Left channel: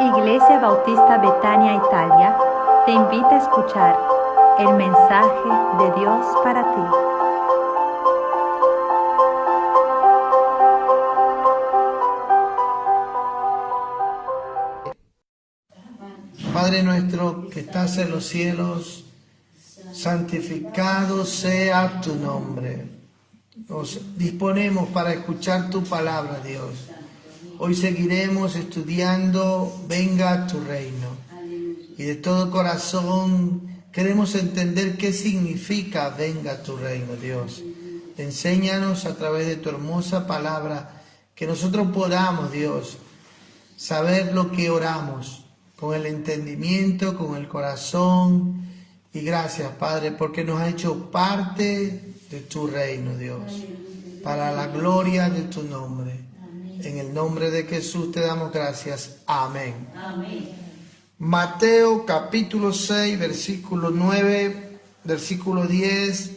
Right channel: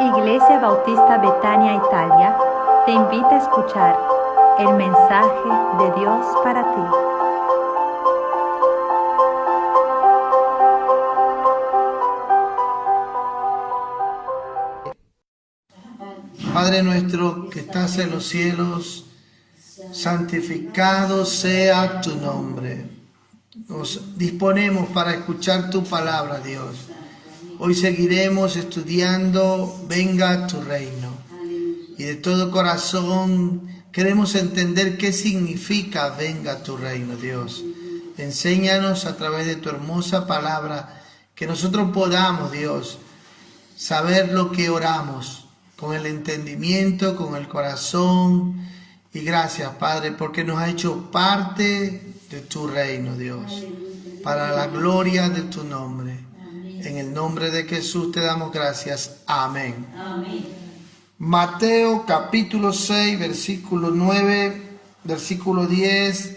Iglesia Bautista Betania, Italia, te invita a escuchar el mensaje de Dios para ti. Padre nuestro que estás en los cielos, santificado sea tu nombre. Nos disponemos para escuchar tu palabra, Dios. Hoy seguiremos estudiando Venga tu reino. Y de todo corazón queremos entender qué significa Venga tu reino, Dios. Enséñanos a través de tu hermosa palabra que nosotros podamos, Dios, saber lo que oramos con el entendimiento, con el corazón. Y gracias, Padre, porque nos ha hecho parte de tu reino, Dios, para la gloria de tu nombre. En el nombre de Jesús te damos gracias. Amén. Amén. Mateo capítulo 6, versículo 9, versículo 10.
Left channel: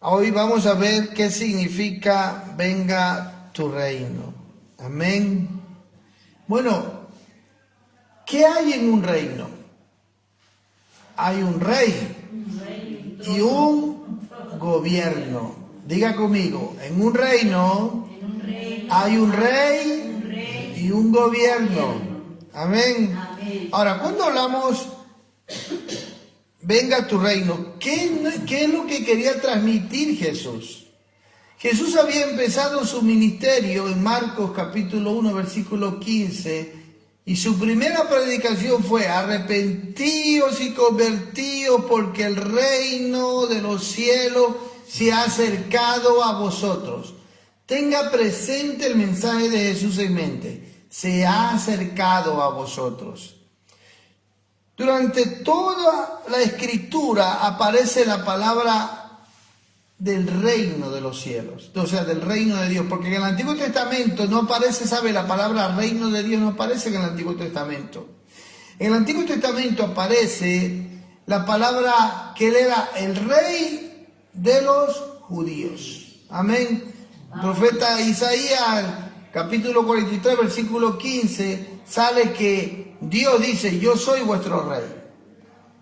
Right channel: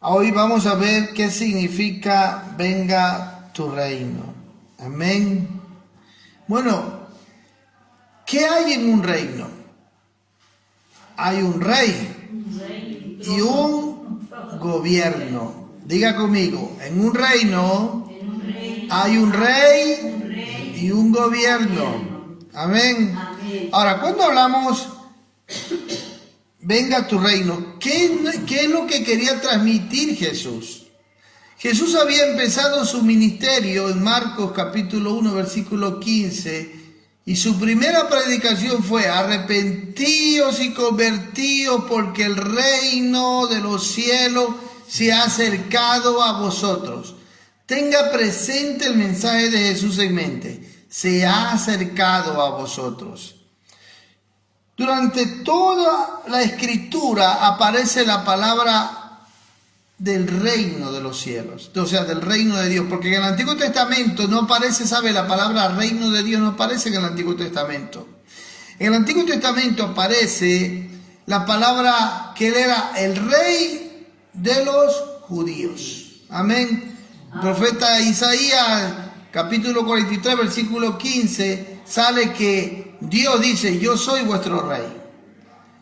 Hoy vamos a ver qué significa venga tu reino. Amén. Bueno, ¿qué hay en un reino? Hay un rey y un gobierno. Diga conmigo, en un reino hay un rey y un gobierno. Amén. Ahora, cuando hablamos venga tu reino, ¿qué es lo que quería transmitir Jesús? Jesús había empezado su ministerio en Marcos capítulo 1, versículo 15, y su primera predicación fue: arrepentíos y convertíos, porque el reino de los cielos se ha acercado a vosotros. Tenga presente el mensaje de Jesús en mente: se ha acercado a vosotros. Durante toda la escritura aparece la palabra del reino de los cielos, o sea, del reino de Dios, porque en el Antiguo Testamento no aparece, ¿sabe? La palabra reino de Dios no aparece en el Antiguo Testamento. En el Antiguo Testamento aparece la palabra que él era el rey de los judíos. Amén. El profeta Isaías, capítulo 43, versículo 15, sale que Dios dice: yo soy vuestro rey.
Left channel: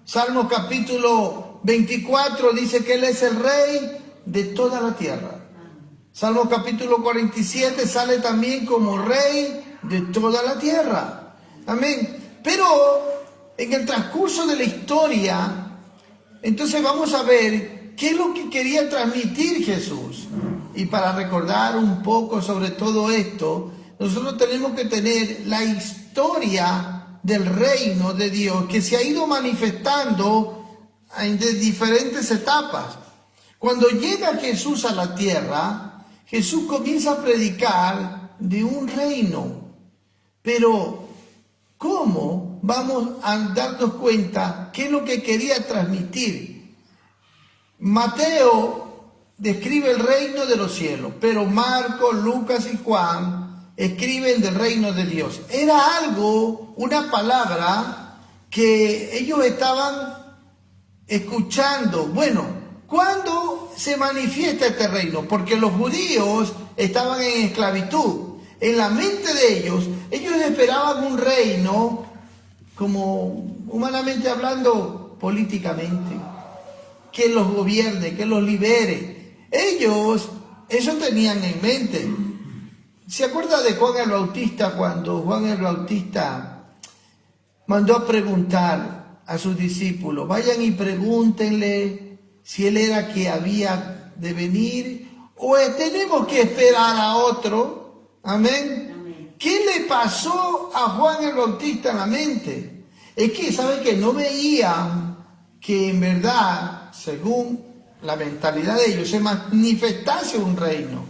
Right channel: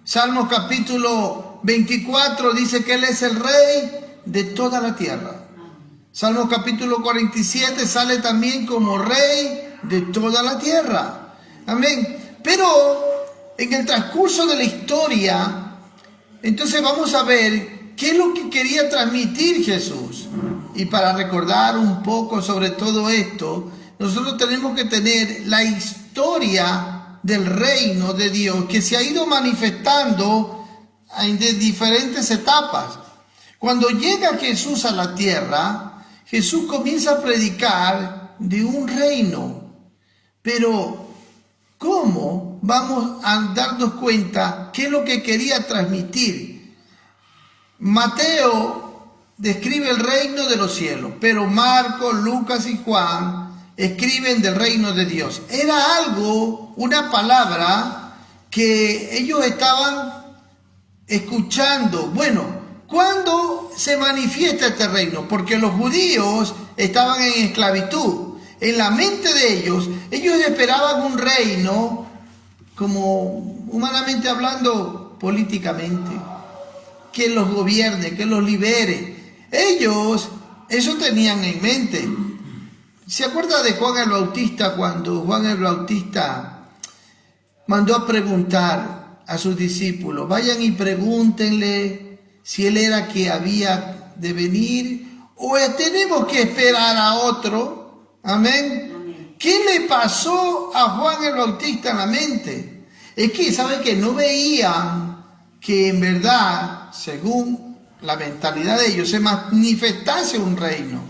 Salmos capítulo 24 dice que él es el rey de toda la tierra. Salmo capítulo 47 sale también como rey de toda la tierra. Amén. Pero en el transcurso de la historia, entonces vamos a ver qué es lo que quería transmitir Jesús. Y para recordar un poco sobre todo esto, nosotros tenemos que tener la historia del reino de Dios que se ha ido manifestando en diferentes etapas. Cuando llega Jesús a la tierra, Jesús comienza a predicar de un reino. Pero, ¿cómo vamos a darnos cuenta qué es lo que quería transmitir? Mateo describe el reino de los cielos, pero Marcos, Lucas y Juan escriben del reino de Dios. Era algo, una palabra que ellos estaban escuchando. Bueno, ¿cuándo se manifiesta este reino? Porque los judíos estaban en esclavitud. En la mente de ellos esperaban un reino, como humanamente hablando, políticamente, que los gobierne, que los libere. Ellos eso tenían en mente. ¿Se acuerda de Juan el Bautista, cuando Juan el Bautista mandó a preguntar a sus discípulos: vayan y pregúntenle si él era que había de venir o tenemos que esperar a otro? Amén. ¿Qué le pasó a Juan el Bautista en la mente? Es que, ¿saben que no veían que en verdad, según la mentalidad de ellos, se manifestase un reino?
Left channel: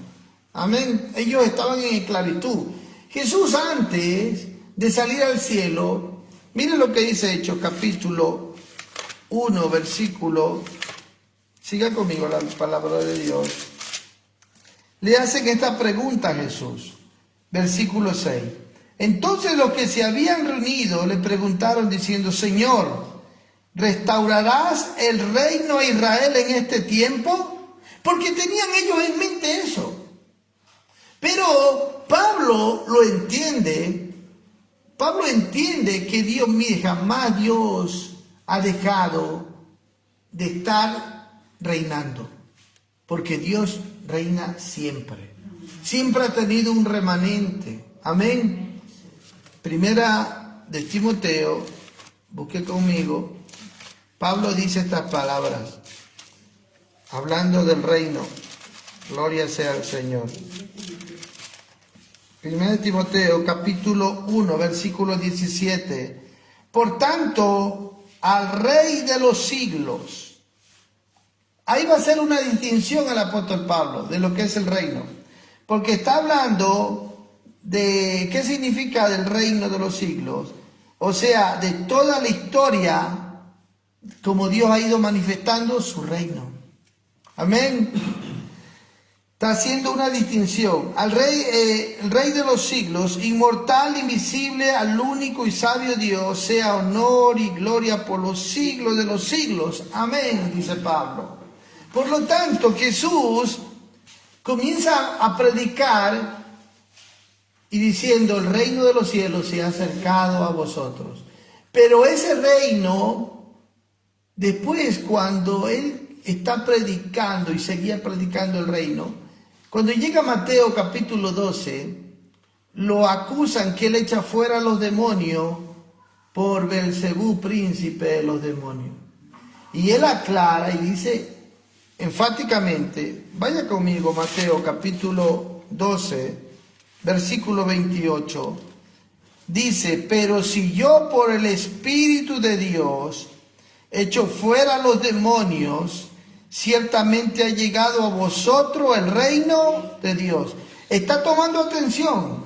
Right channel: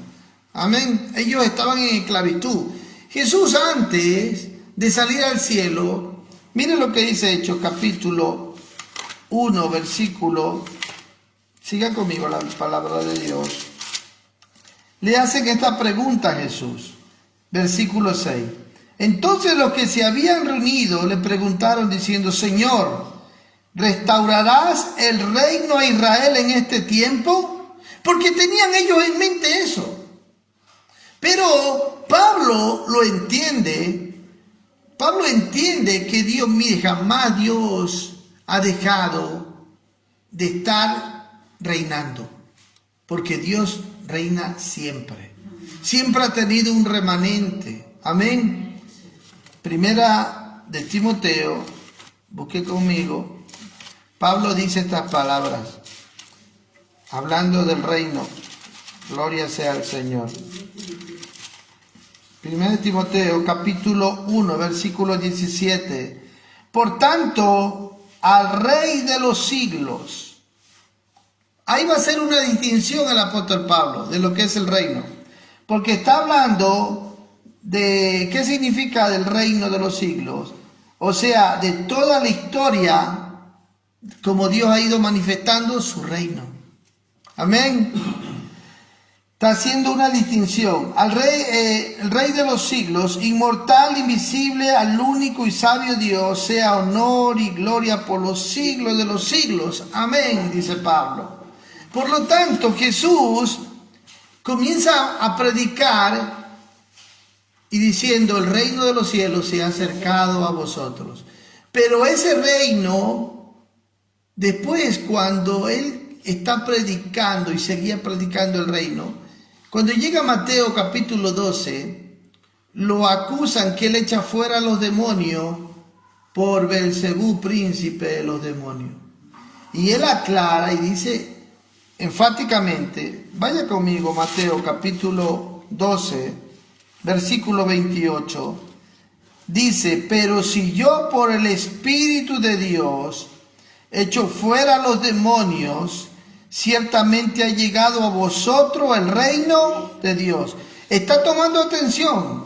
Amén. Ellos estaban en esclavitud. Jesús, antes de salir al cielo, miren lo que dice Hechos capítulo 1, versículo, siga conmigo la palabra de Dios. Le hacen esta pregunta a Jesús, versículo 6. Entonces los que se habían reunido le preguntaron diciendo: Señor, ¿restaurarás el reino a Israel en este tiempo? Porque tenían ellos en mente eso. Pero Pablo lo entiende. Pablo entiende que Dios, mire, jamás Dios ha dejado de estar reinando, porque Dios reina siempre. Siempre ha tenido un remanente. Amén. Primera de Timoteo, busque conmigo. Pablo dice estas palabras, hablando del reino. Gloria sea al Señor. Primera de Timoteo, capítulo 1, versículo 17. Por tanto, al Rey de los siglos. Ahí va a ser una distinción el apóstol Pablo de lo que es el reino. Porque está hablando de qué significa del reino de los siglos. O sea, de toda la historia, como Dios ha ido manifestando su reino. Amén. Está haciendo una distinción. Al Rey, el Rey de los siglos, inmortal, invisible, al único y sabio Dios, sea honor y gloria por los siglos de los siglos. Amén, dice Pablo. Por lo tanto, Jesús comienza a predicar y diciendo, el reino de los cielos se ha acercado a vosotros. Pero ese reino, después cuando él está predicando y seguía predicando el reino, cuando llega Mateo capítulo 12, lo acusan que él echa fuera a los demonios por Belcebú, príncipe de los demonios. Y él aclara y dice enfáticamente, vaya conmigo Mateo capítulo 12, versículo 28, dice, pero si yo por el Espíritu de Dios echo fuera a los demonios, ciertamente ha llegado a vosotros el reino de Dios. Está tomando atención.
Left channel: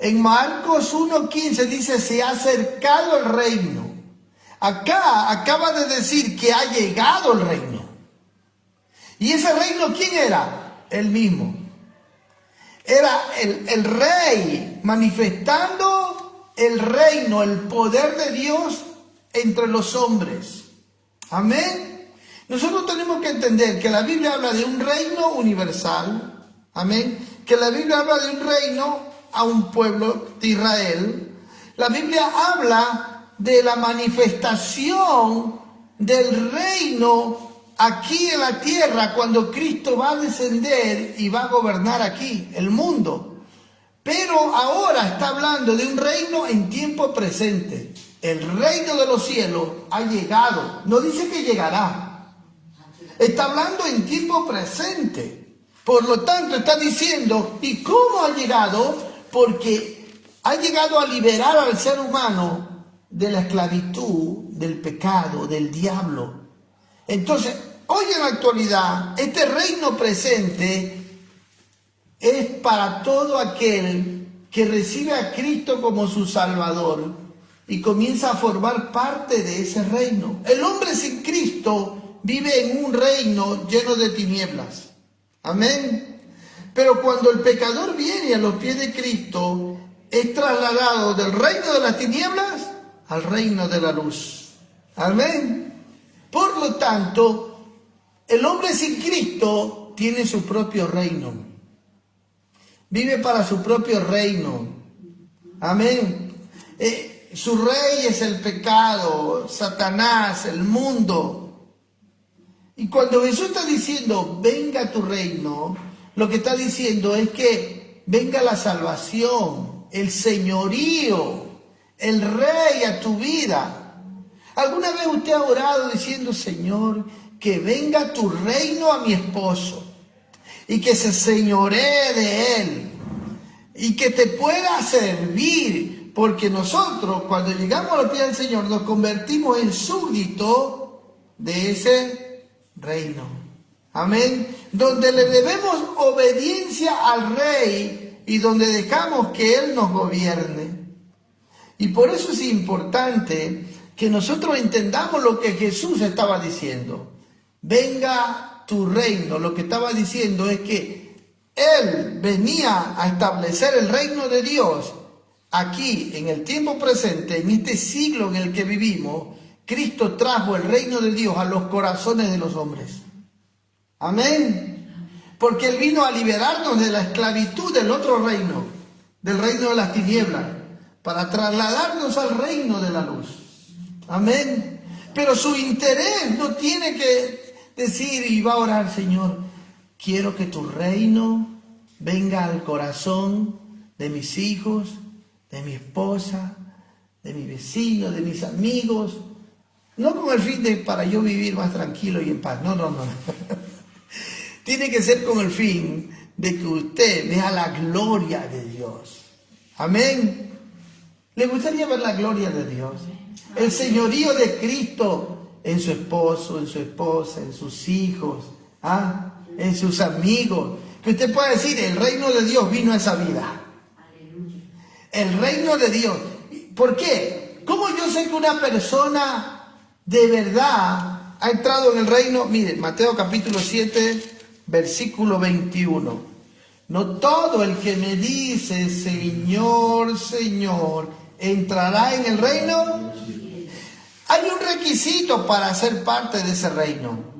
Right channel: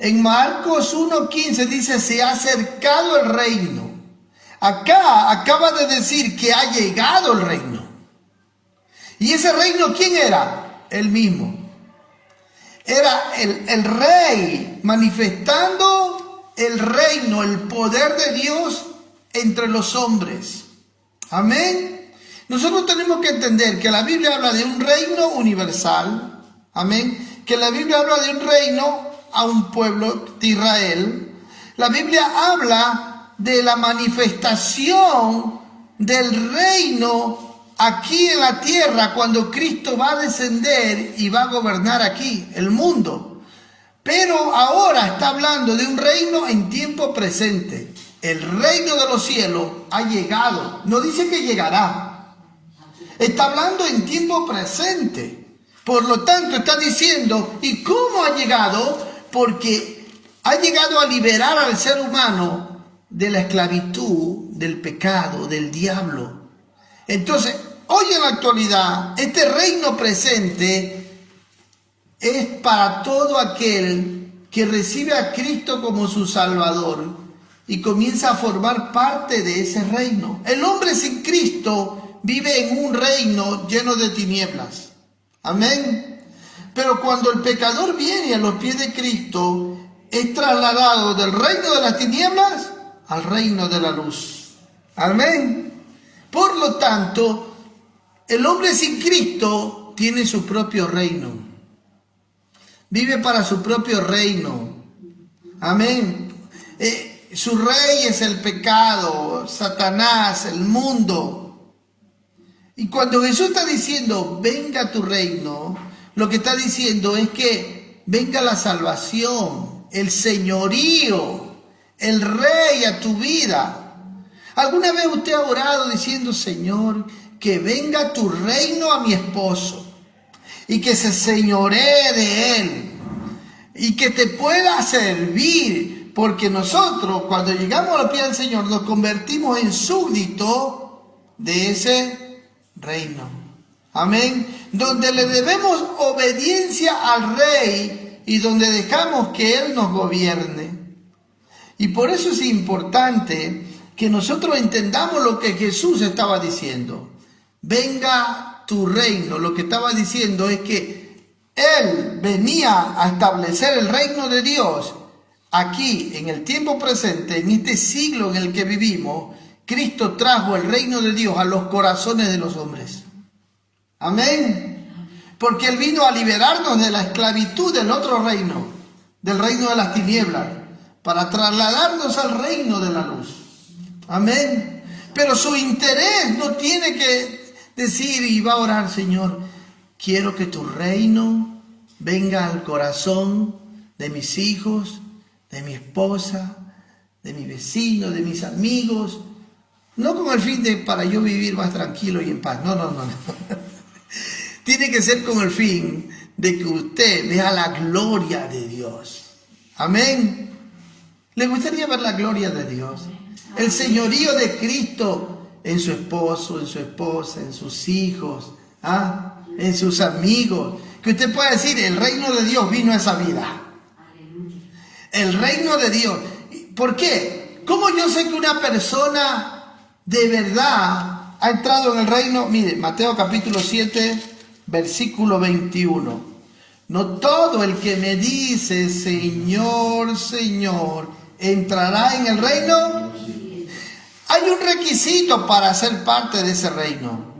En Marcos 1:15 dice, se ha acercado el reino. Acá acaba de decir que ha llegado el reino. ¿Y ese reino quién era? Él mismo. Era el rey manifestando el reino, el poder de Dios entre los hombres. Amén. Nosotros tenemos que entender que la Biblia habla de un reino universal, amén, que la Biblia habla de un reino a un pueblo de Israel. La Biblia habla de la manifestación del reino aquí en la tierra cuando Cristo va a descender y va a gobernar aquí el mundo. Pero ahora está hablando de un reino en tiempo presente. El reino de los cielos ha llegado, no dice que llegará. Está hablando en tiempo presente. Por lo tanto, está diciendo, ¿y cómo ha llegado? Porque ha llegado a liberar al ser humano de la esclavitud, del pecado, del diablo. Entonces, hoy en la actualidad, este reino presente es para todo aquel que recibe a Cristo como su Salvador y comienza a formar parte de ese reino. El hombre sin Cristo vive en un reino lleno de tinieblas. Amén. Pero cuando el pecador viene a los pies de Cristo, es trasladado del reino de las tinieblas al reino de la luz. Amén. Por lo tanto, el hombre sin Cristo tiene su propio reino. Vive para su propio reino. Amén. Su rey es el pecado, Satanás, el mundo. Y cuando Jesús está diciendo, venga tu reino, lo que está diciendo es que venga la salvación, el señorío, el rey a tu vida. ¿Alguna vez usted ha orado diciendo, Señor, que venga tu reino a mi esposo y que se señoree de él y que te pueda servir? Porque nosotros, cuando llegamos al pie del Señor, nos convertimos en súbditos de ese reino. Amén. Donde le debemos obediencia al rey y donde dejamos que él nos gobierne. Y por eso es importante que nosotros entendamos lo que Jesús estaba diciendo. Venga tu reino. Lo que estaba diciendo es que él venía a establecer el reino de Dios aquí en el tiempo presente, en este siglo en el que vivimos. Cristo trajo el reino de Dios a los corazones de los hombres. Amén. Porque Él vino a liberarnos de la esclavitud del otro reino, del reino de las tinieblas. para trasladarnos al reino de la luz. Amén. Pero su interés no tiene que decir y va a orar, Señor, quiero que tu reino venga al corazón de mis hijos, de mi esposa, de mi vecino, de mis amigos. No con el fin de para yo vivir más tranquilo y en paz. No. Tiene que ser con el fin de que usted vea la gloria de Dios. Amén. ¿Le gustaría ver la gloria de Dios? El señorío de Cristo en su esposo, en su esposa, en sus hijos, en sus amigos. Que usted pueda decir, el reino de Dios vino a esa vida. El reino de Dios. ¿Por qué? ¿Cómo yo sé que una persona de verdad ha entrado en el reino? Mire, Mateo capítulo 7, versículo 21. No todo el que me dice, Señor, Señor, entrará en el reino. Hay un requisito para ser parte de ese reino.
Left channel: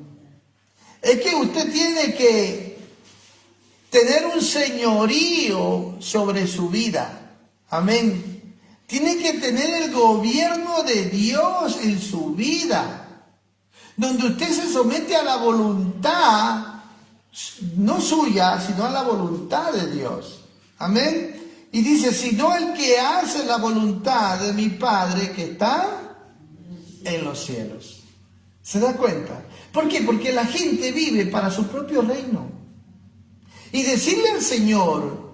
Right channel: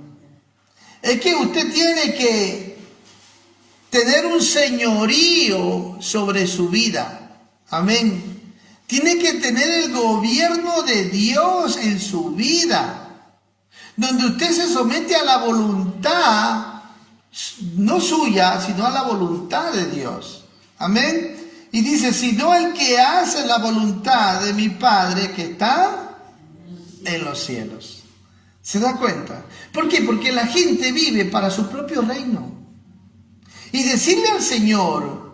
Es que usted tiene que tener un señorío sobre su vida. Amén. Tiene que tener el gobierno de Dios en su vida, donde usted se somete a la voluntad, no suya, sino a la voluntad de Dios. Amén. Y dice, sino el que hace la voluntad de mi Padre que está en los cielos. ¿Se da cuenta? ¿Por qué? Porque la gente vive para su propio reino. Y decirle al Señor,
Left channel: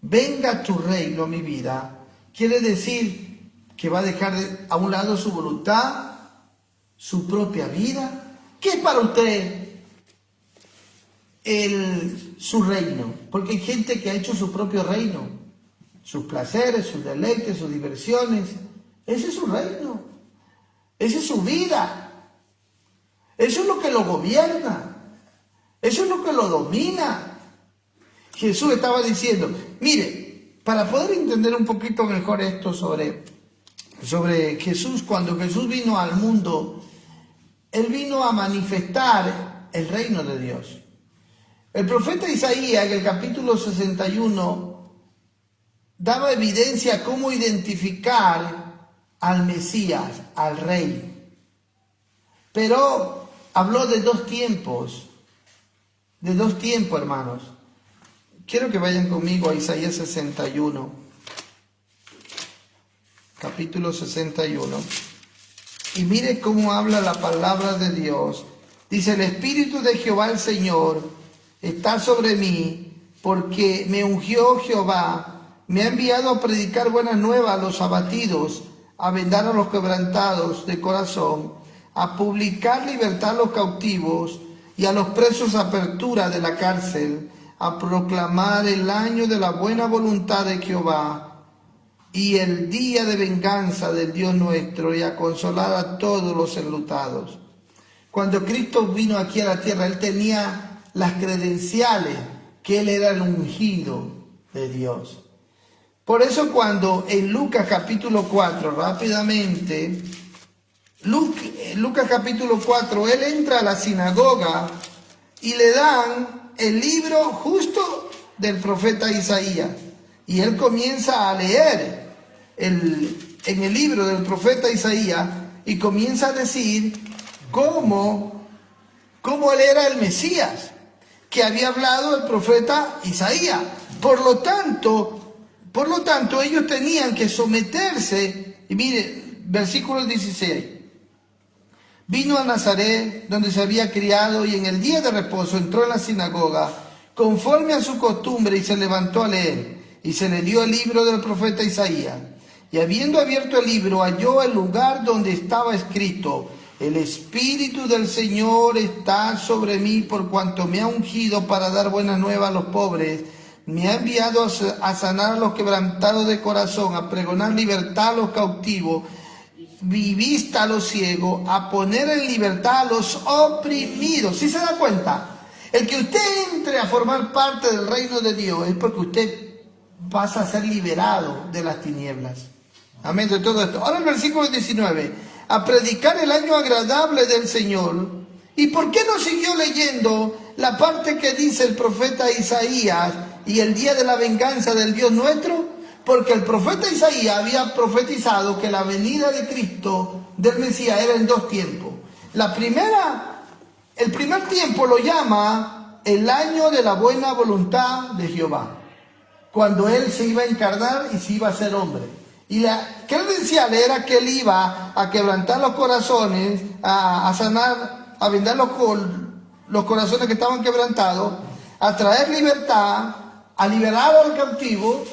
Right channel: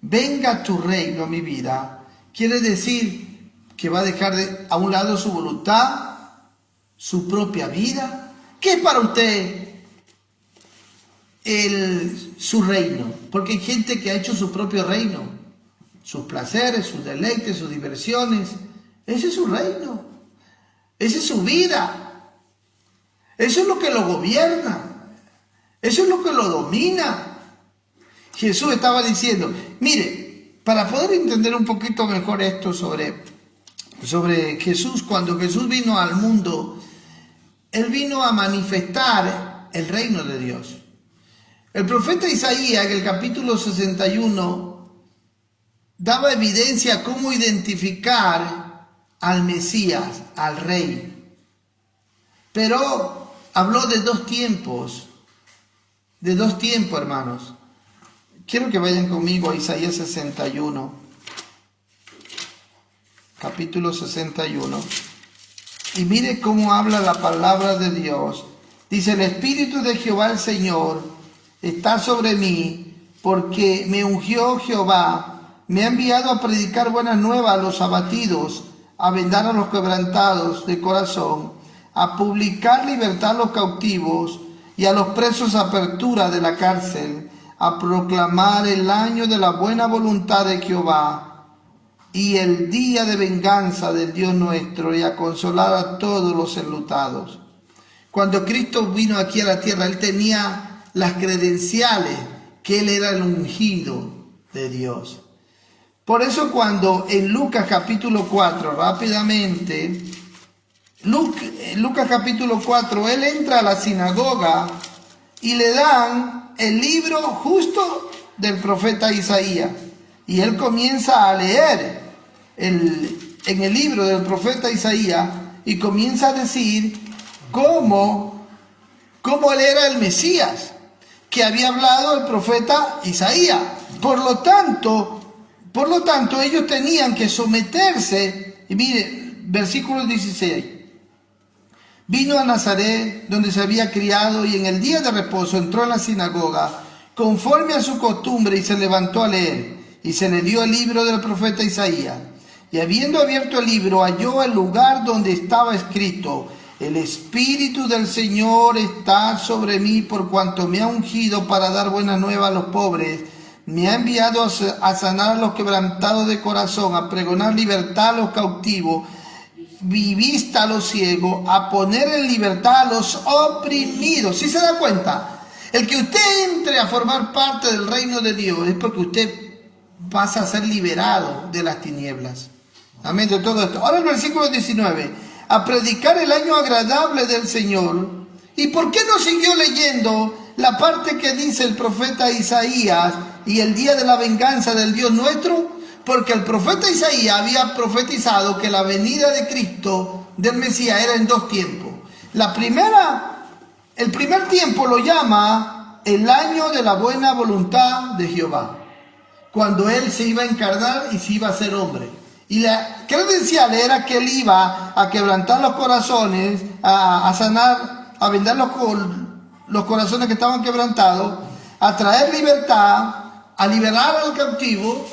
venga tu reino a mi vida, quiere decir que va a dejar a un lado su voluntad, su propia vida. ¿Qué es para usted su reino? Porque hay gente que ha hecho su propio reino, sus placeres, sus deleites, sus diversiones. Ese es su reino, esa es su vida, eso es lo que lo gobierna, eso es lo que lo domina. Jesús estaba diciendo, mire, para poder entender un poquito mejor esto sobre Jesús, cuando Jesús vino al mundo, Él vino a manifestar el reino de Dios. El profeta Isaías, en el capítulo 61, daba evidencia cómo identificar al Mesías, al Rey. Pero habló de dos tiempos, hermanos. Quiero que vayan conmigo a Isaías 61, capítulo 61. Y mire cómo habla la palabra de Dios. Dice, el Espíritu de Jehová el Señor está sobre mí, porque me ungió Jehová, me ha enviado a predicar buenas nuevas a los abatidos, a vendar a los quebrantados de corazón, a publicar libertad a los cautivos y a los presos apertura de la cárcel, a proclamar el año de la buena voluntad de Jehová y el día de venganza del Dios nuestro, y a consolar a todos los enlutados. Cuando Cristo vino aquí a la tierra, Él tenía las credenciales que Él era el ungido de Dios. Por eso cuando en Lucas capítulo 4, rápidamente, Lucas capítulo 4, Él entra a la sinagoga y le dan el libro justo del profeta Isaías. Y él comienza a leer en el libro del profeta Isaías y comienza a decir cómo él era el Mesías que había hablado el profeta Isaías. Por lo tanto, ellos tenían que someterse. Y mire, versículo 16. Vino a Nazaret, donde se había criado, y en el día de reposo entró en la sinagoga, conforme a su costumbre, y se levantó a leer. Y se le dio el libro del profeta Isaías. Y habiendo abierto el libro, halló el lugar donde estaba escrito: el Espíritu del Señor está sobre mí, por cuanto me ha ungido para dar buenas nuevas a los pobres. Me ha enviado a sanar a los quebrantados de corazón, a pregonar libertad a los cautivos, y vista a los ciegos, a poner en libertad a los oprimidos. ¿Sí se da cuenta? El que usted entre a formar parte del reino de Dios es porque usted pasa a ser liberado de las tinieblas. Amén de todo esto. Ahora el versículo 19. A predicar el año agradable del Señor. ¿Y por qué no siguió leyendo la parte que dice el profeta Isaías y el día de la venganza del Dios nuestro? Porque el profeta Isaías había profetizado que la venida de Cristo, del Mesías, era en dos tiempos. El primer tiempo lo llama el año de la buena voluntad de Jehová, cuando Él se iba a encarnar y se iba a hacer hombre. Y la credencial era que Él iba a quebrantar los corazones, a sanar, a vendar los corazones que estaban quebrantados, a traer libertad, a liberar al cautivo.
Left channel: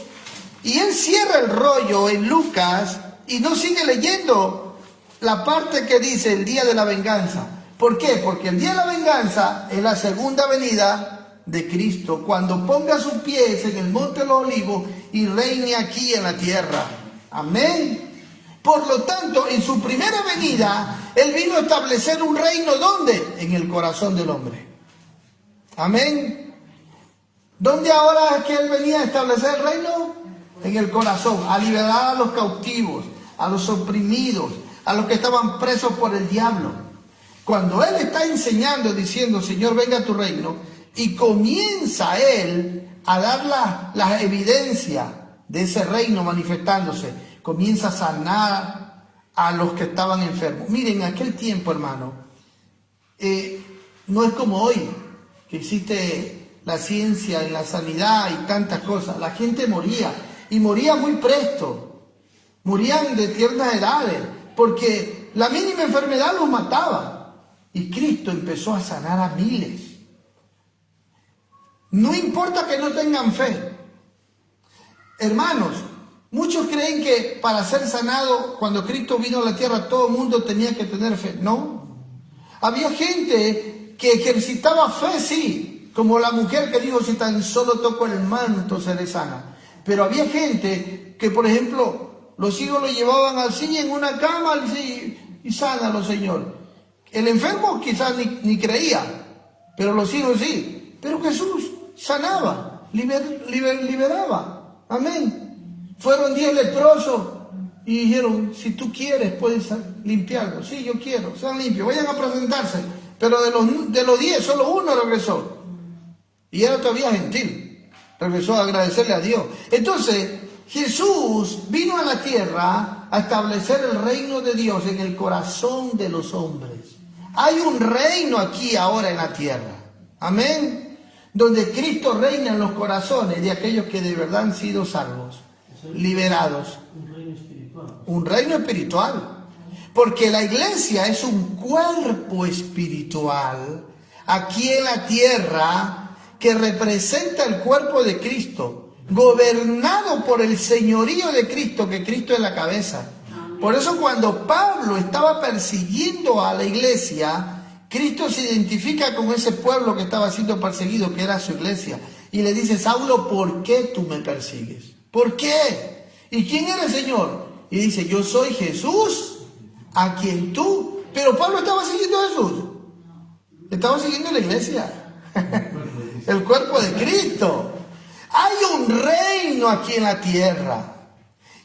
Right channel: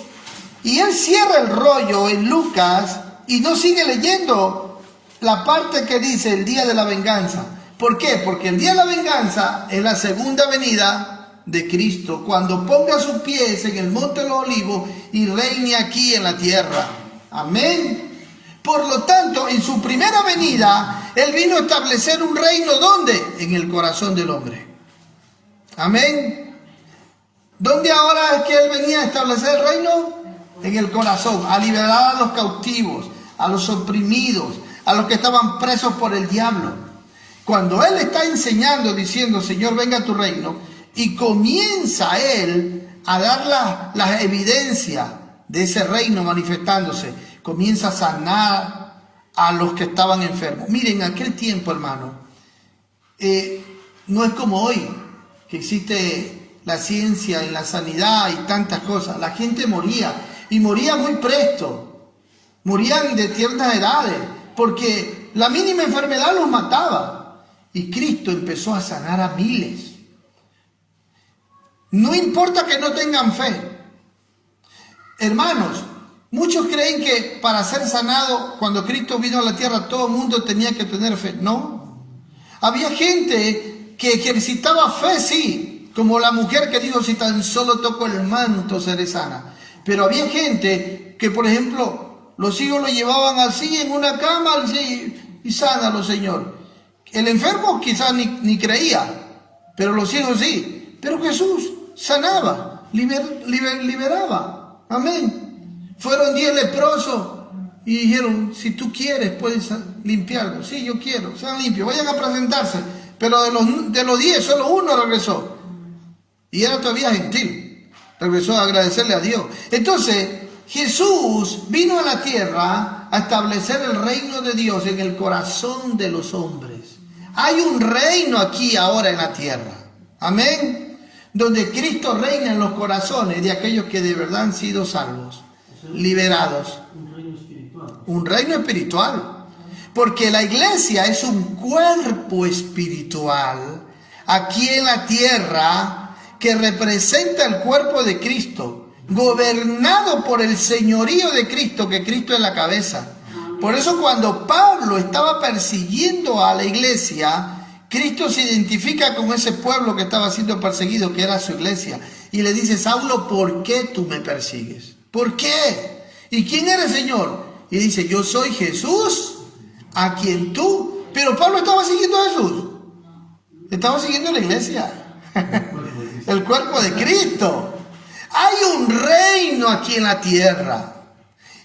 Y Él cierra el rollo en Lucas y no sigue leyendo la parte que dice el día de la venganza. ¿Por qué? Porque el día de la venganza es la segunda venida de Cristo, cuando ponga sus pies en el monte de los olivos y reine aquí en la tierra. Amén. Por lo tanto, en su primera venida, Él vino a establecer un reino, ¿dónde? En el corazón del hombre. Amén. ¿Dónde ahora es que Él venía a establecer el reino? En el corazón, a liberar a los cautivos, a los oprimidos, a los que estaban presos por el diablo. Cuando Él está enseñando, diciendo, Señor, venga a tu reino, y comienza Él a dar las evidencias de ese reino manifestándose, comienza a sanar a los que estaban enfermos. Miren, en aquel tiempo, hermano, no es como hoy, que existe la ciencia y la sanidad y tantas cosas. La gente moría, y moría muy presto. Morían de tiernas edades, porque la mínima enfermedad los mataba. Y Cristo empezó a sanar a miles. No importa que no tengan fe. Hermanos, muchos creen que para ser sanado, cuando Cristo vino a la tierra, todo el mundo tenía que tener fe. No. Había gente que ejercitaba fe, sí, como la mujer que dijo, si tan solo toco el manto seré sana. Pero había gente que, por ejemplo, los hijos lo llevaban así en una cama y sánalo, Señor. El enfermo quizás ni creía, pero los hijos sí. Pero Jesús sanaba, liberaba. Amén. Fueron 10 leprosos y dijeron, si tú quieres puedes limpiarlo. Sí, yo quiero, sean limpios, vayan a presentarse. Pero de los 10, solo uno regresó. Y era todavía gentil. Regresó a agradecerle a Dios. Entonces, Jesús vino a la tierra a establecer el reino de Dios en el corazón de los hombres. Hay un reino aquí ahora en la tierra. Amén. Donde Cristo reina en los corazones de aquellos que de verdad han sido salvos, liberados. Un reino espiritual. Un reino espiritual. Porque la iglesia es un cuerpo espiritual aquí en la tierra que representa el cuerpo de Cristo, gobernado por el señorío de Cristo, que Cristo es la cabeza. Por eso cuando Pablo estaba persiguiendo a la iglesia, Cristo se identifica con ese pueblo que estaba siendo perseguido, que era su iglesia. Y le dice, Saulo, ¿por qué tú me persigues? ¿Por qué? ¿Y quién eres, Señor? Y dice, yo soy Jesús, a quien tú... Pero Pablo estaba siguiendo a Jesús. Estaba siguiendo a la iglesia. El cuerpo de Cristo. Hay un reino aquí en la tierra.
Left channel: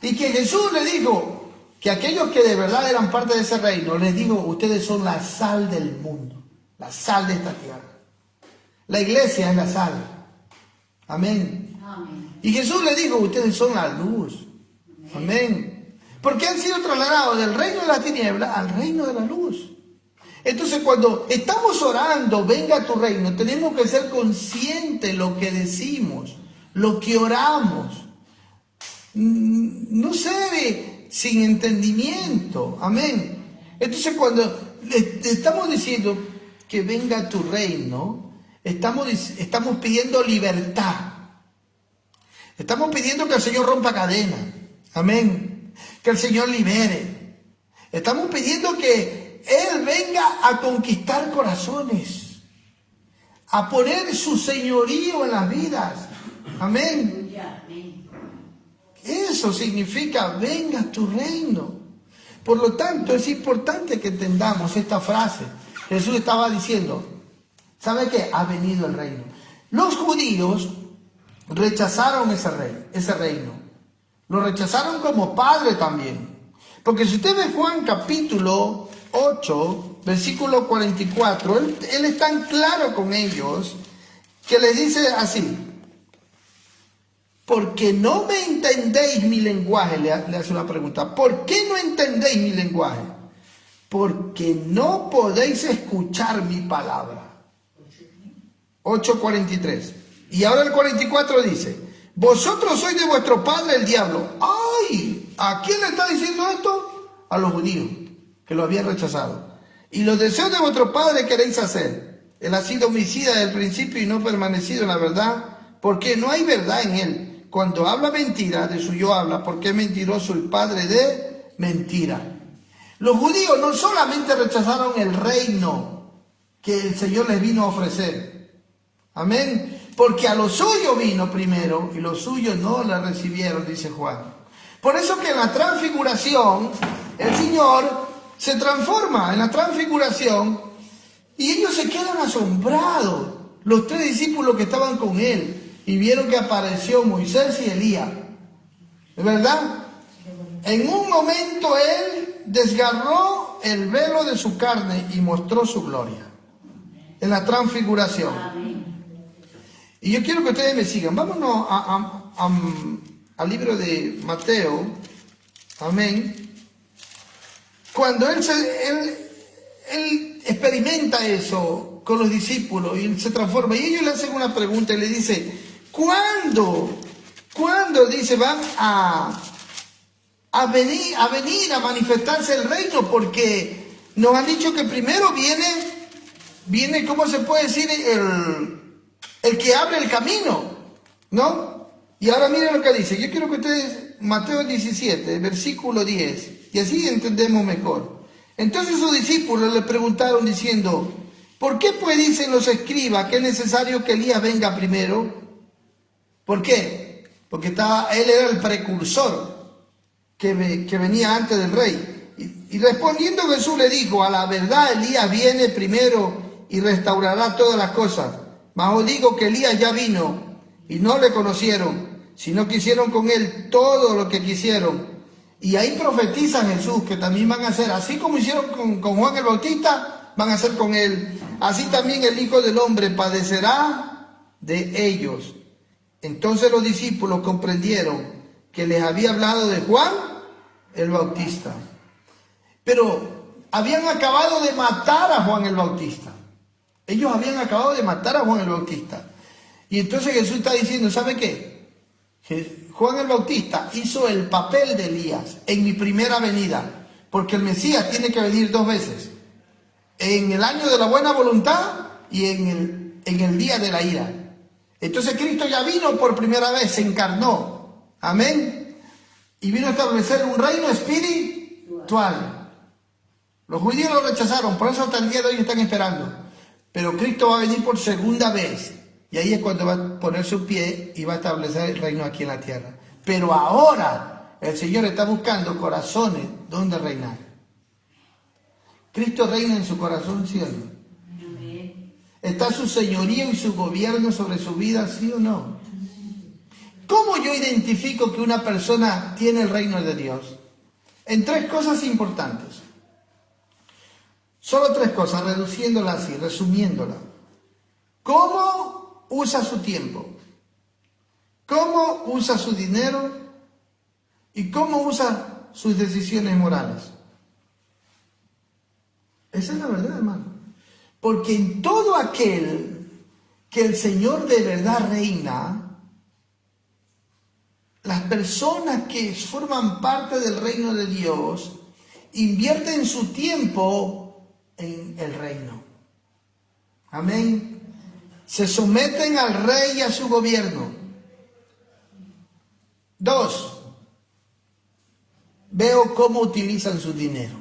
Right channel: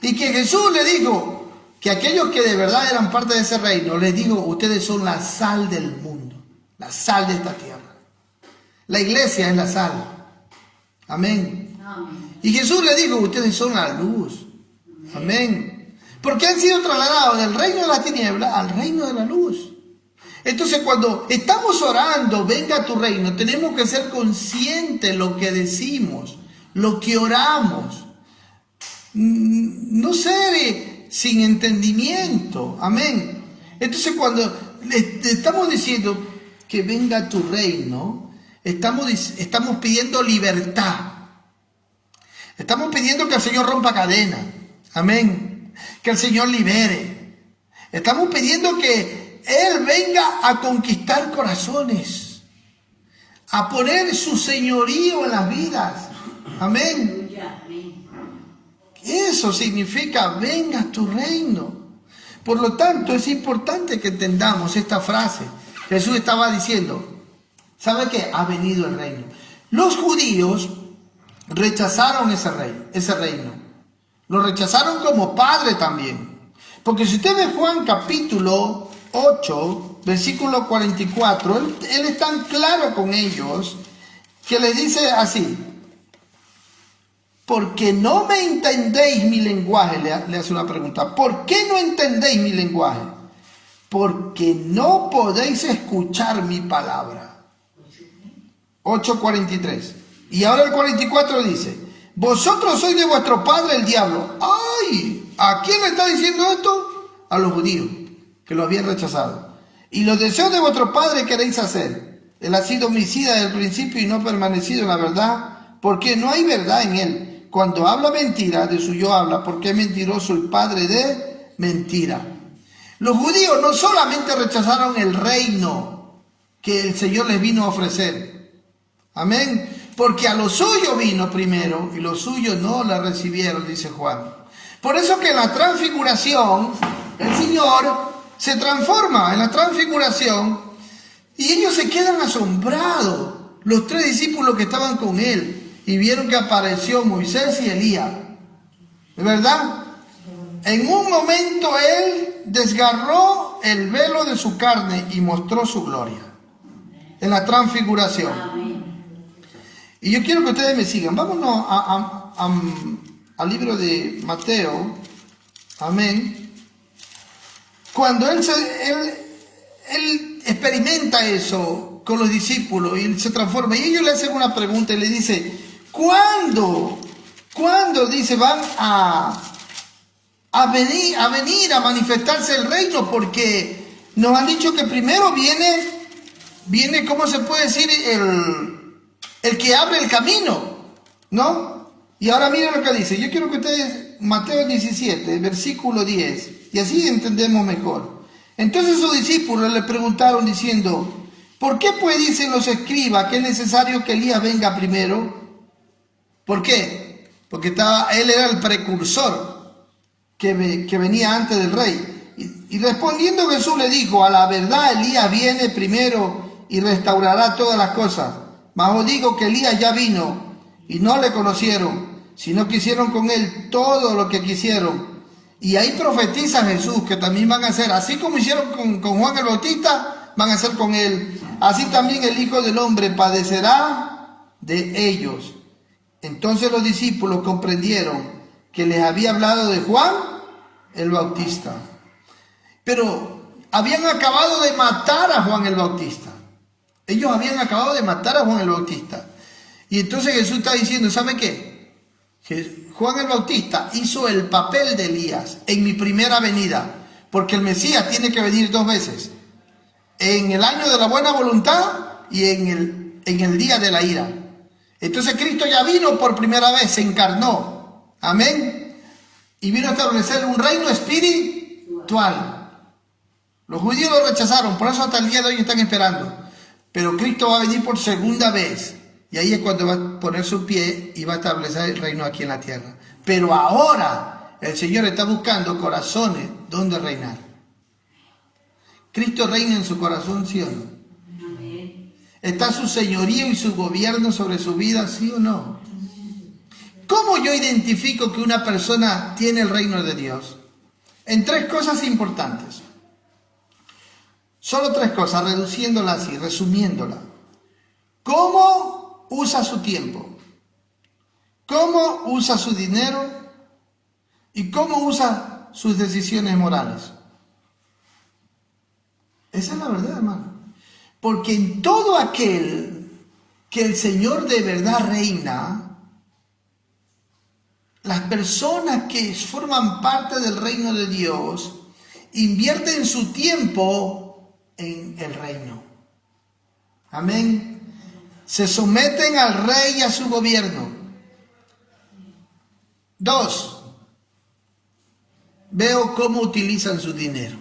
Y que Jesús le dijo que aquellos que de verdad eran parte de ese reino, les dijo, ustedes son la sal del mundo, la sal de esta tierra. La iglesia es la sal. Amén. Y Jesús le dijo, ustedes son la luz. Amén. Porque han sido trasladados del reino de la tiniebla al reino de la luz. Entonces, cuando estamos orando, venga a tu reino, tenemos que ser conscientes de lo que decimos, lo que oramos. No ser sin entendimiento. Amén. Entonces, cuando estamos diciendo que venga a tu reino, estamos pidiendo libertad. Estamos pidiendo que el Señor rompa cadenas. Amén. Que el Señor libere. Estamos pidiendo que Él venga a conquistar corazones, a poner su señorío en las vidas. Amén. Eso significa, venga a tu reino. Por lo tanto, es importante que entendamos esta frase. Jesús estaba diciendo, ¿sabe qué? Ha venido el reino. Los judíos rechazaron ese reino. Lo rechazaron como padre también. Porque si usted ve Juan capítulo 8, versículo 44, él es tan claro con ellos que les dice así. porque no me entendéis mi lenguaje, le hace una pregunta. ¿Por qué no entendéis mi lenguaje? Porque no podéis escuchar mi palabra. 8:43. Y ahora el 44 dice, vosotros sois de vuestro padre el diablo. ¡Ay! ¿A quién le está diciendo esto? A los judíos, que lo habían rechazado. Y los deseos de vuestro padre queréis hacer. Él ha sido homicida desde el principio y no ha permanecido en la verdad, porque no hay verdad en él. Cuando habla mentira, de suyo habla, porque es mentiroso y padre de mentira. Los judíos no solamente rechazaron el reino que el Señor les vino a ofrecer. Amén. Porque a los suyos vino primero y los suyos no la recibieron, dice Juan. Por eso que en la transfiguración, el Señor se transforma en la transfiguración y ellos se quedan asombrados, los 3 discípulos que estaban con él, y vieron que apareció Moisés y Elías. ¿Es verdad? En un momento él desgarró el velo de su carne y mostró su gloria. En la transfiguración. Y yo quiero que ustedes me sigan. Vámonos al libro de Mateo. Amén. Cuando él experimenta eso con los discípulos y se transforma, y ellos le hacen una pregunta y le dice, ¿cuándo dice van a venir a manifestarse el reino? Porque nos han dicho que primero viene, ¿cómo se puede decir? El que abre el camino, ¿no? Y ahora miren lo que dice. Yo quiero que ustedes, Mateo 17, versículo 10, y así entendemos mejor. Entonces sus discípulos le preguntaron diciendo, ¿por qué pues dicen los escribas que es necesario que Elías venga primero? ¿Por qué? Porque él era el precursor que venía antes del rey. Y respondiendo Jesús le dijo, a la verdad Elías viene primero y restaurará todas las cosas. Mas os digo que Elías ya vino y no le conocieron, sino que hicieron con él todo lo que quisieron. Y ahí profetiza Jesús que también van a hacer, así como hicieron con Juan el Bautista, van a hacer con él. Así también el Hijo del Hombre padecerá de ellos. Entonces los discípulos comprendieron que les había hablado de Juan el Bautista. Pero habían acabado de matar a Juan el Bautista. Ellos habían acabado de matar a Juan el Bautista. Y entonces Jesús está diciendo, ¿sabe qué? Juan el Bautista hizo el papel de Elías en mi primera venida. Porque el Mesías tiene que venir 2 veces. En el año de la buena voluntad y en el día de la ira. Entonces Cristo ya vino por primera vez, se encarnó. Amén. Y vino a establecer un reino espiritual. Los judíos lo rechazaron, por eso hasta el día de hoy están esperando. Pero Cristo va a venir por segunda vez. Y ahí es cuando va a poner su pie y va a establecer el reino aquí en la tierra. Pero ahora el Señor está buscando corazones donde reinar. Cristo reina en su corazón, ¿sí o no? ¿Está su señorío y su gobierno sobre su vida, sí o no? ¿Cómo yo identifico que una persona tiene el reino de Dios? En 3 cosas importantes. Solo 3 cosas, reduciéndola así, resumiéndola. ¿Cómo usa su tiempo? ¿Cómo usa su dinero? ¿Y cómo usa sus decisiones morales? Esa es la verdad, hermano. Porque en todo aquel que el Señor de verdad reina, las personas que forman parte del reino de Dios invierten su tiempo en el reino. Amén. Se someten al rey y a su gobierno. 2. Veo cómo utilizan su dinero.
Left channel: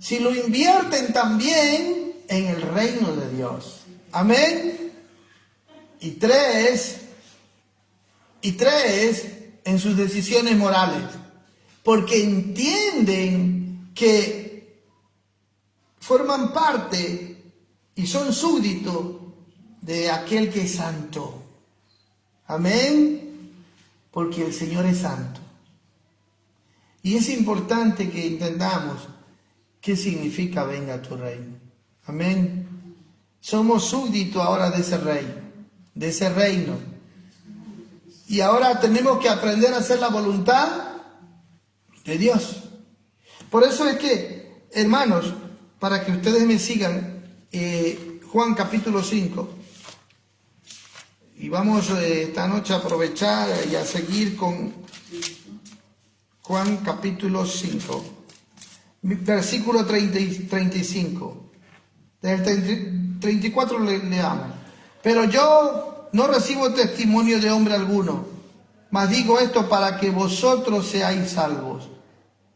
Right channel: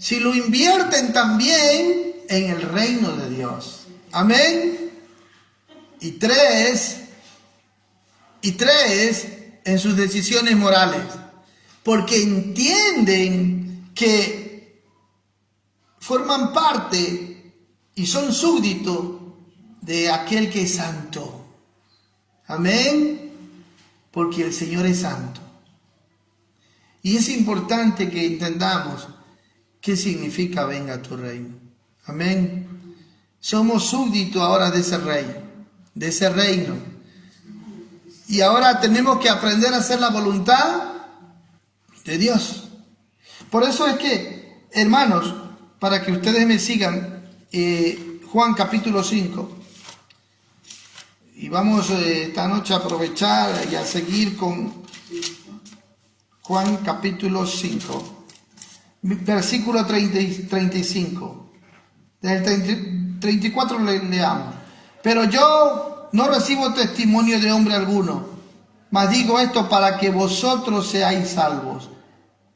Si lo invierten también en el reino de Dios. Amén. Y 3, en sus decisiones morales. Porque entienden que forman parte y son súbditos de aquel que es santo. Amén. Porque el Señor es santo. Y es importante que entendamos qué significa venga tu reino. Amén. Somos súbditos ahora de ese rey, de ese reino. Y ahora tenemos que aprender a hacer la voluntad de Dios. Por eso es que, hermanos, para que ustedes me sigan, Juan capítulo 5. Y vamos esta noche a aprovechar y a seguir con Juan capítulo 5, versículo 35. Desde el 34 leamos. Pero yo no recibo testimonio de hombre alguno, mas digo esto para que vosotros seáis salvos.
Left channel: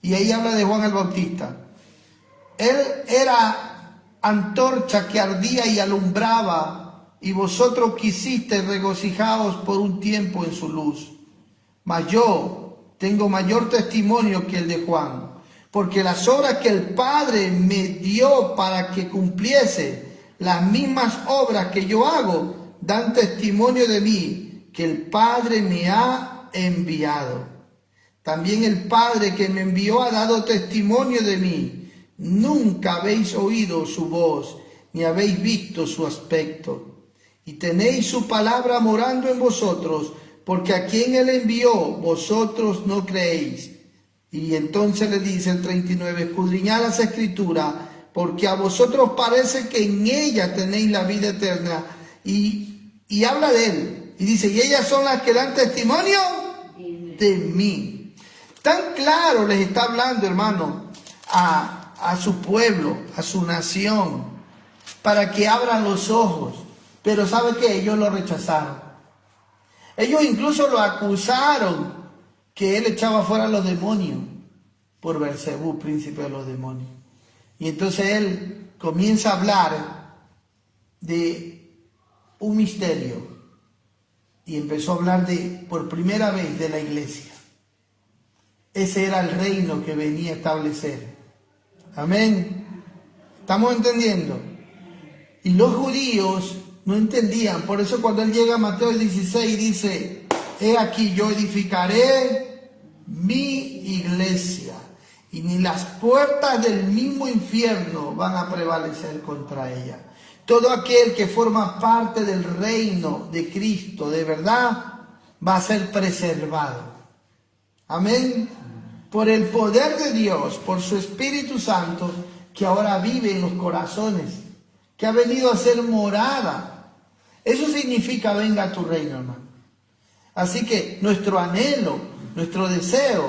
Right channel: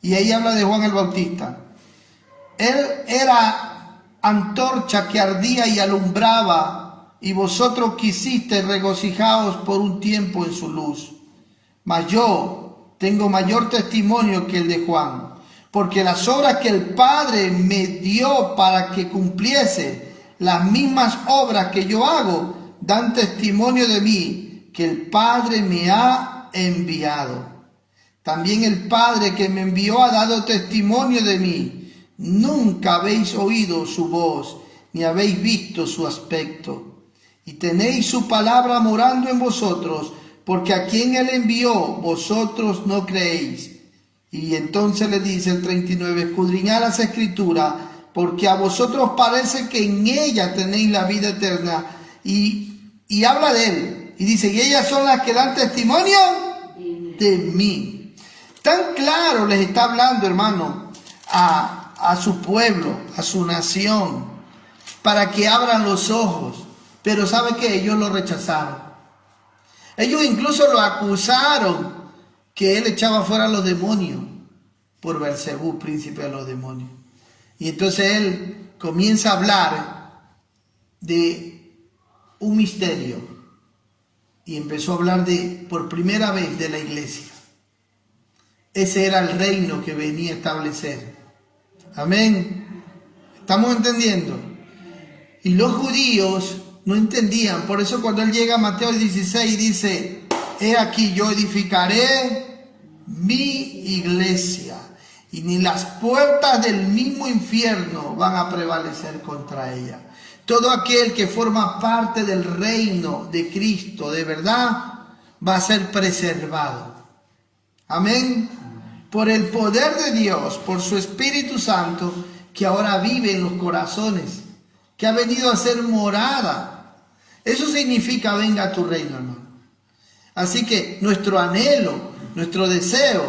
Y ahí habla de Juan el Bautista. Él era antorcha que ardía y alumbraba, y vosotros quisisteis regocijaos por un tiempo en su luz. Mas yo tengo mayor testimonio que el de Juan, porque las obras que el Padre me dio para que cumpliese, las mismas obras que yo hago, dan testimonio de mí, que el Padre me ha enviado. También el Padre que me envió ha dado testimonio de mí. Nunca habéis oído su voz, ni habéis visto su aspecto. Y tenéis su palabra morando en vosotros, porque a quien él envió, vosotros no creéis. Y entonces le dice el 39, escudriñad las Escrituras, porque a vosotros parece que en ella tenéis la vida eterna. Y habla de él. Y dice, y ellas son las que dan testimonio de mí. Tan claro les está hablando, hermano, a su pueblo, a su nación, para que abran los ojos. Pero ¿sabe qué? Ellos lo rechazaron. Ellos incluso lo acusaron que él echaba fuera a los demonios por Beelzebú, príncipe de los demonios. Y entonces él comienza a hablar de un misterio y empezó a hablar por primera vez de la iglesia. Ese era el reino que venía a establecer. Amén. ¿Estamos entendiendo? Y los judíos no entendían. Por eso cuando él llega a Mateo 16 dice, he aquí yo edificaré mi iglesia, y ni las puertas del mismo infierno van a prevalecer contra ella. Todo aquel que forma parte del reino de Cristo de verdad va a ser preservado. Amén. Por el poder de Dios, por su Espíritu Santo, que ahora vive en los corazones, que ha venido a ser morada. Eso significa venga a tu reino, hermano. Así que nuestro anhelo, nuestro deseo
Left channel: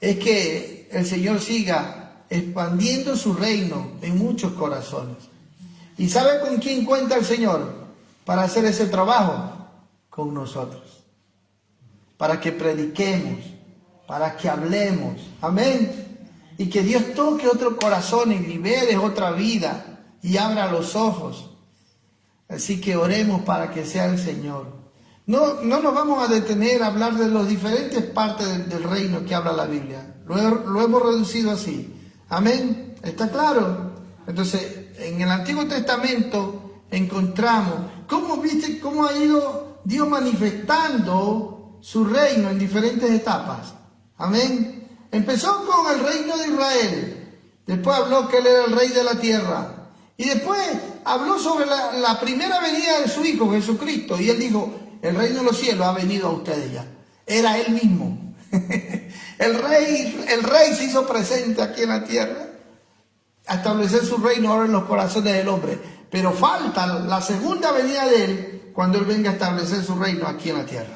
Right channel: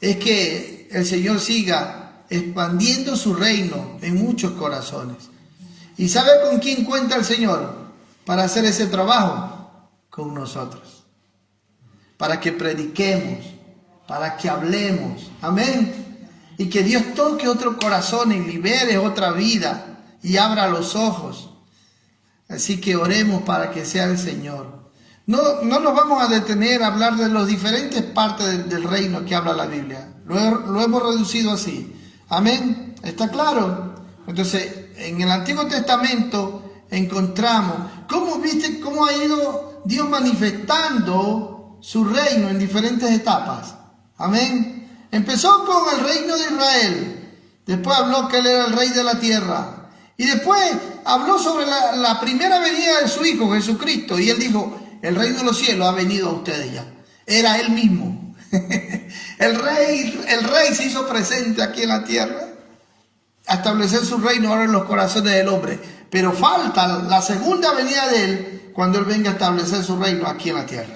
es que el Señor siga expandiendo su reino en muchos corazones. ¿Y sabe con quién cuenta el Señor para hacer ese trabajo? Con nosotros. Para que prediquemos, para que hablemos. Amén. Y que Dios toque otro corazón y libere otra vida y abra los ojos. Así que oremos para que sea el Señor. No nos vamos a detener a hablar de las diferentes partes del reino que habla la Biblia. Lo hemos reducido así. Amén. ¿Está claro? Entonces, en el Antiguo Testamento encontramos cómo ha ido Dios manifestando su reino en diferentes etapas. Amén. Empezó con el reino de Israel. Después habló que él era el rey de la tierra. Y después habló sobre la primera venida de su Hijo Jesucristo. Y él dijo, el reino de los cielos ha venido a ustedes ya. Era él mismo. El rey se hizo presente aquí en la tierra a establecer su reino ahora en los corazones del hombre. Pero falta la segunda venida de él cuando él venga a establecer su reino aquí en la tierra.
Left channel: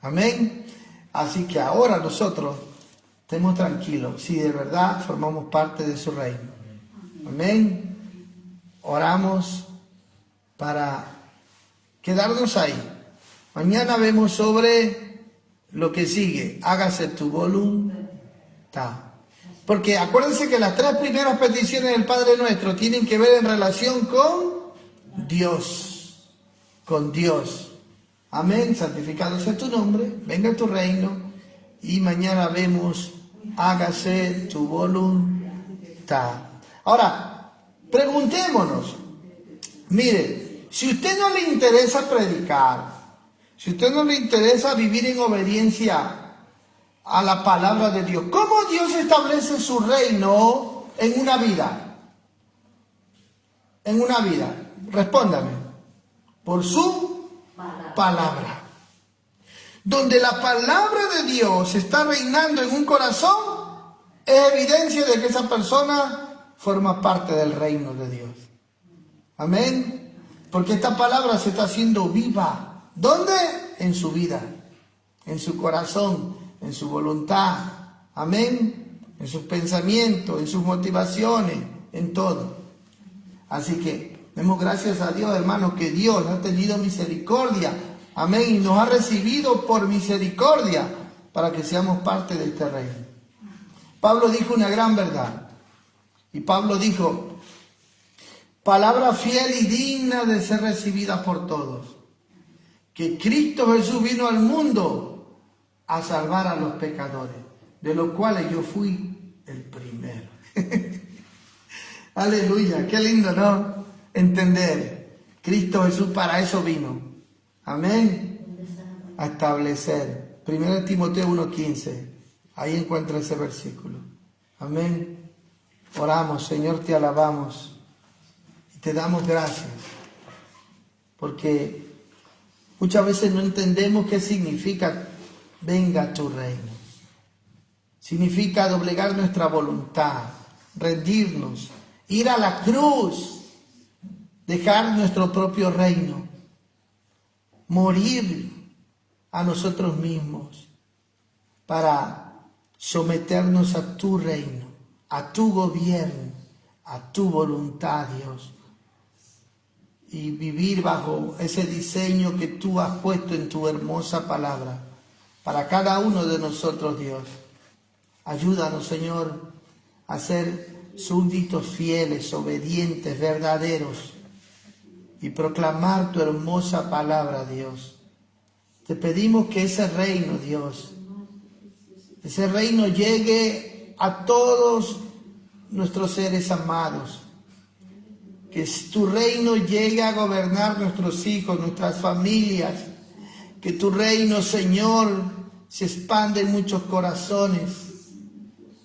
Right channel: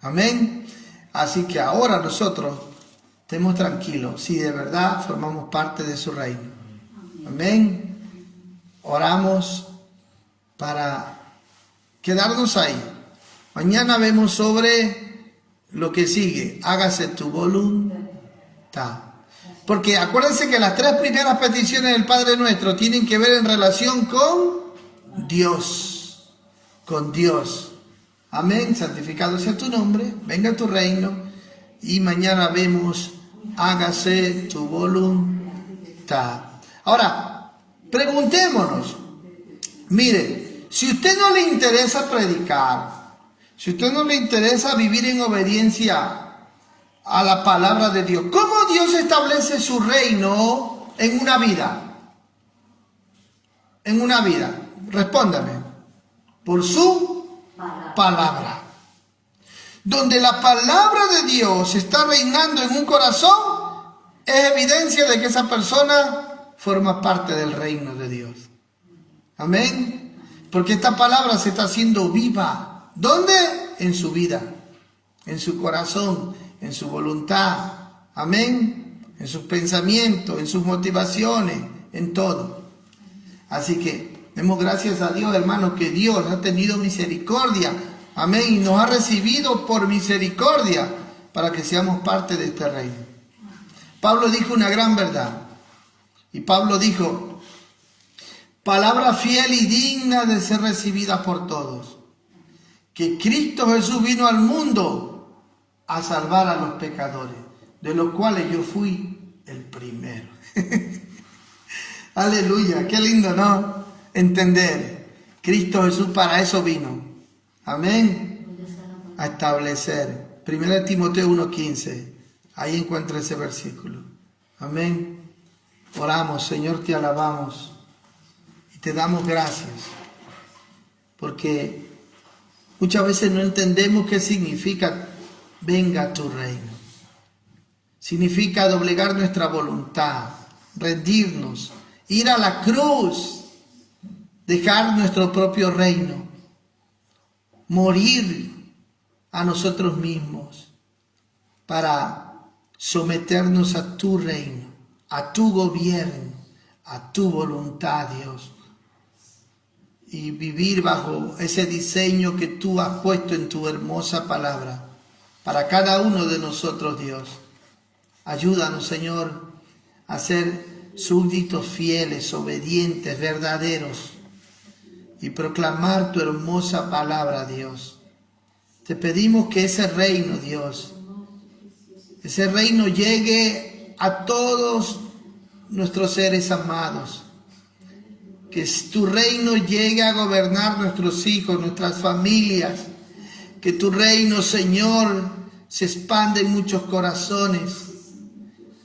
Amén. Así que ahora nosotros estemos tranquilos si de verdad formamos parte de su reino. Amén. Oramos para quedarnos ahí. Mañana vemos sobre lo que sigue. Hágase tu voluntad. Porque acuérdense que las tres primeras peticiones del Padre Nuestro tienen que ver en relación con Dios. Con Dios. Amén. Santificado sea tu nombre. Venga tu reino. Y mañana vemos, hágase tu voluntad. Ahora, preguntémonos. Mire, si a usted no le interesa predicar, si a usted no le interesa vivir en obediencia a la palabra de Dios, ¿cómo Dios establece su reino en una vida? En una vida. Respóndame. Por su palabra. donde la palabra de Dios está reinando en un corazón, es evidencia de que esa persona forma parte del reino de Dios. Amén. Porque esta palabra se está haciendo viva. ¿Dónde? En su vida, en su corazón, en su voluntad. Amén. En sus pensamientos, en sus motivaciones, en todo. Así que demos gracias a Dios, hermanos, que Dios ha tenido misericordia. Amén. Y nos ha recibido por misericordia para que seamos parte de este reino. Pablo dijo una gran verdad. Y Pablo dijo, palabra fiel y digna de ser recibida por todos, que Cristo Jesús vino al mundo a salvar a los pecadores, de los cuales yo fui el primero. Aleluya, qué lindo, ¿no? Entender, Cristo Jesús para eso vino. Amén. A establecer. 1 Timoteo 1:15. Ahí encuentra ese versículo. Amén. Oramos, Señor, te alabamos y te damos gracias. Porque muchas veces no entendemos qué significa venga tu reino. Significa doblegar nuestra voluntad, rendirnos, ir a la cruz, dejar nuestro propio reino, morir a nosotros mismos para someternos a tu reino, a tu gobierno, a tu voluntad, Dios, y vivir bajo ese diseño que tú has puesto en tu hermosa palabra para cada uno de nosotros, Dios. Ayúdanos, Señor, a ser súbditos fieles, obedientes, verdaderos, y proclamar tu hermosa palabra, Dios. Te pedimos que ese reino, Dios, ese reino llegue a todos nuestros seres amados. Que tu reino llegue a gobernar nuestros hijos, nuestras familias. Que tu reino, Señor, se expanda en muchos corazones,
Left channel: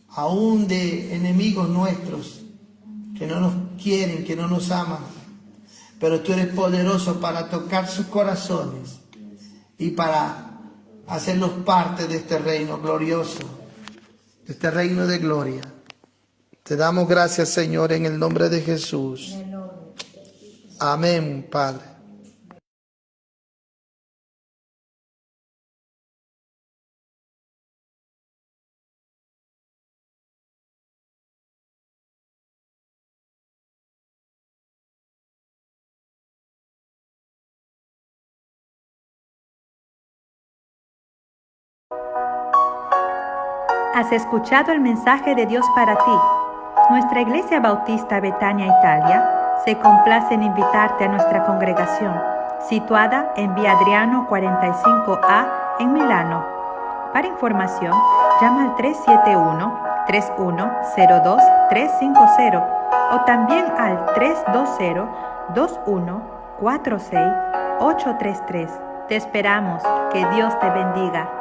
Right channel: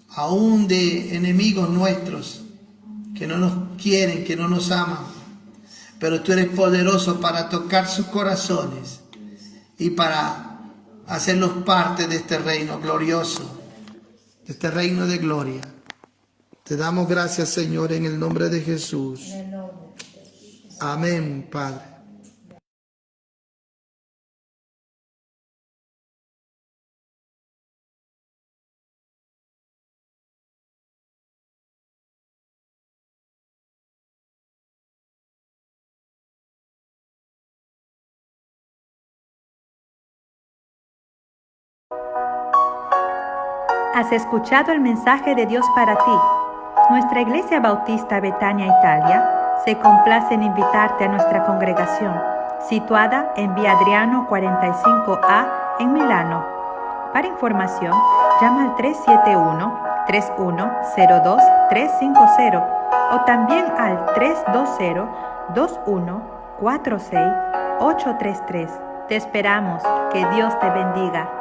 aún de enemigos nuestros, que no nos quieren, que no nos aman. Pero tú eres poderoso para tocar sus corazones y para hacernos parte de este reino glorioso, de este reino de gloria. Te damos gracias, Señor, en el nombre de Jesús. Amén, Padre. Has escuchado el mensaje de Dios para ti. Nuestra Iglesia Bautista Betania Italia se complace en invitarte a nuestra congregación, situada en Vía Adriano 45A en Milano. Para información, llama al 371-3102-350 o también al 320-2146-833. Te esperamos. Que Dios te bendiga.